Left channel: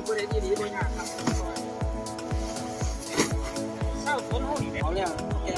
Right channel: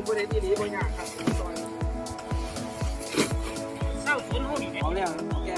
ปประเด็นี้บาอยาครับซร้าฝนห้องอยู่เอาแล้วเค